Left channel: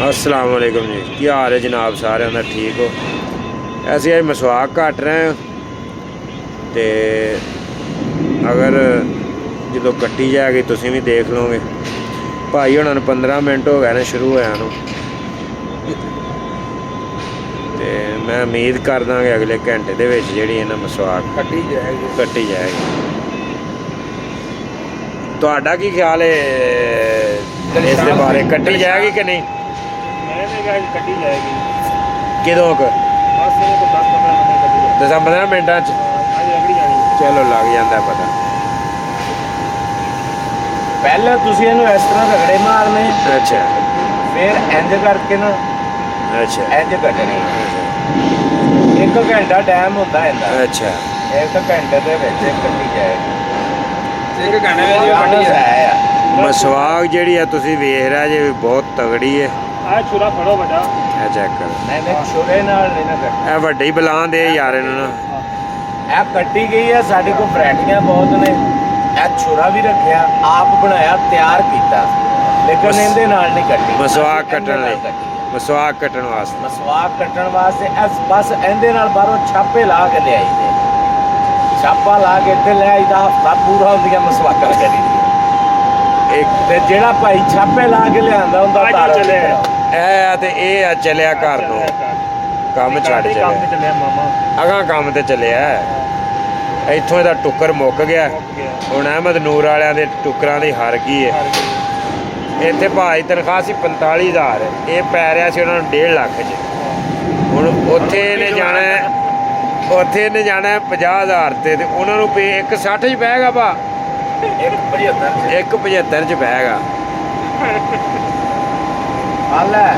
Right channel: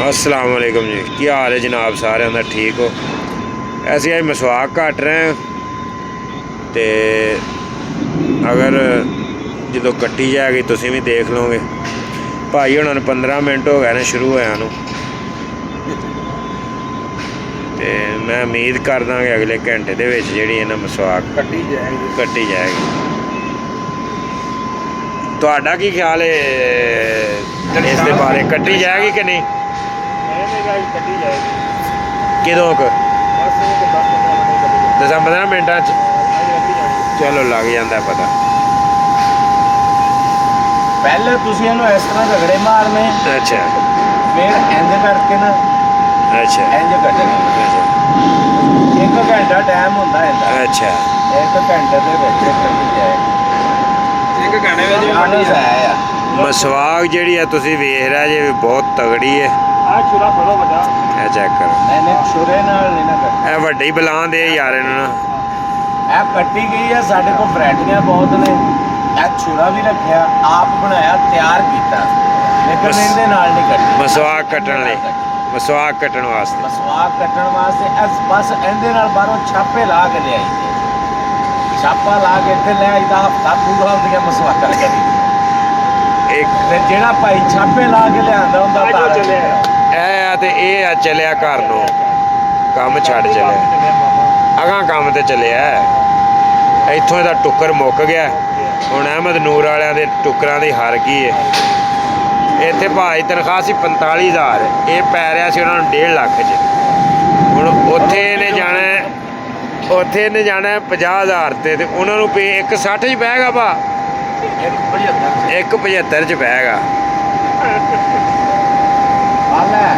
अस्सलाम वालेकुम जी, की हाल है जनाब? सारे का ठीक हो? ऐसे अज मसवाक घट रहे हैं तो अगर जो कट्टी जाएगी तुम भी देख लोगे। भाई हुणां 15 मिनट हो गए ने शुरू होया नूं ते मैं उम्मीद करदा कि अगले घंटे दे विच जिहड़ी है ना मसवाक कट्टी जाएगी। तुहाडा की ख्याल है इस दे बारे? कट्टी जाएगी कि नहीं? कट्टी जाएगी किदों क? बस 10-15 मिनटां च चलो लग जाता पता। पहले तुसीं इहनूं इस तरह रगड़े मारने, अच्छा फिर इंज करके ना अच्छा इंज कट्टनी। अच्छा 1 घंटा टाइम होंदा इहदा। अच्छा 1 घंटे दे विच कट्टी जाएगी। 1 घंटे में कट्टी जाएगी। मसवाक जिहड़ी है तुसीं वेख रहे जे बहुत तगड़ी है। आ छुरा फड़ो बड़ा। ਇਹ ਚੈੱਕ ਕਰੋ, मैंने छुरे नाल नहीं ना कट्टी। ਇਹ ਵੱਡੀ ਬਲਾਂ ਦੇ ਯਾਰ ਇਹਨਾਂ ਨੂੰ। ਇਹ ਕੱਟੀ ਗਈ ਹੈ। ਸਾਡੇ ਕੋਲ ਵੈਰਾਈਟੀਆਂ ਬਹੁਤ ਨੇ। ਇਹ ਛੁਰਾ ਵੀ ਰੱਖਿਆ, ਆਪ ਬਣਾਇਆ, ਤਿਆਰ ਕੀਤਾ, ਲੇਕਿਨ ਇਹਦੇ ਨਾਲ ਨਹੀਂ ਕੱਟੀ। ਮਸਵਾਕ ਕੱਟਣ ਲਈ, ਮਸਵਾਕ ਕੱਟਣ ਵਾਸਤੇ। ਮਸਵਾਕ ਕੱਟਣ ਵਾਸਤੇ ਬਸ ਇਹਦੇ ਨਾਲ ਬਾਹਰੋਂ ਛਾਪੇ ਲਾ ਕੇ ਲਿਆਈ ਦੇ। ਛਾਪਾ ਲਾ ਕੇ ਇੱਥੇ ਲਿਆਈਦਾ, ਹਫਤਾ ਪੂਰਾ ਹੁੰਦੀਆਂ ਮਸਵਾਕਾਂ ਕਰੀ। ਇੱਕ ਤੇ ਜਿਹੜਾ ਭਾਈ ਛਾਪੇ ਲਾ ਕੇ ਲਿਆਂਦਾ ਹੁੰਦਾ ਤਾਰ ਚੱਲਿਆ। ਇਹ ਆ ਤੇ ਇਹ ਆ ਚੱਲਿਆ ਘਰ ਨੂੰ, ਕੰਮ ਛੱਡ ਚੱਲਿਆ ਅਗਾਂ ਕੰਮ ਤੇ ਚੱਲਿਆ। ਇੱਥੋਂ ਇਹਦਾ ਟੁੱਕਰ ਮੁੱਕ ਗਿਆ। ਹੁਣ ਅਹਿਮਦ ਨੂਰ ਵਾਲਿਆਂ ਦੇ ਟੁੱਕਰਾਂ ਦੀ ਹਾਰ ਗਈ ਹੈ। ਇੱਥੇ ਭਾਈ ਤਨਖਾਹ ਸੀ 45,000, ਇਹ ਪੈ ਰਿਹਾ ਸੀ ਉਹਨਾਂ ਨੂੰ 1.5 ਲੱਖ 'ਚ। ਹੁਣ ਉੱਥੇ ਇਹਨੇ ਜਾਣਾ, ਉੱਥੇ ਇਹਨੇ ਜਾਣਾ 50,000 ਤੇ ਉਹਨਾਂ ਨੂੰ ਪੇ 160 'ਚ ਪਏਗਾ ਭਾ, 175 'ਚ ਪਏਗਾ। ਹਾਲ ਹੈ।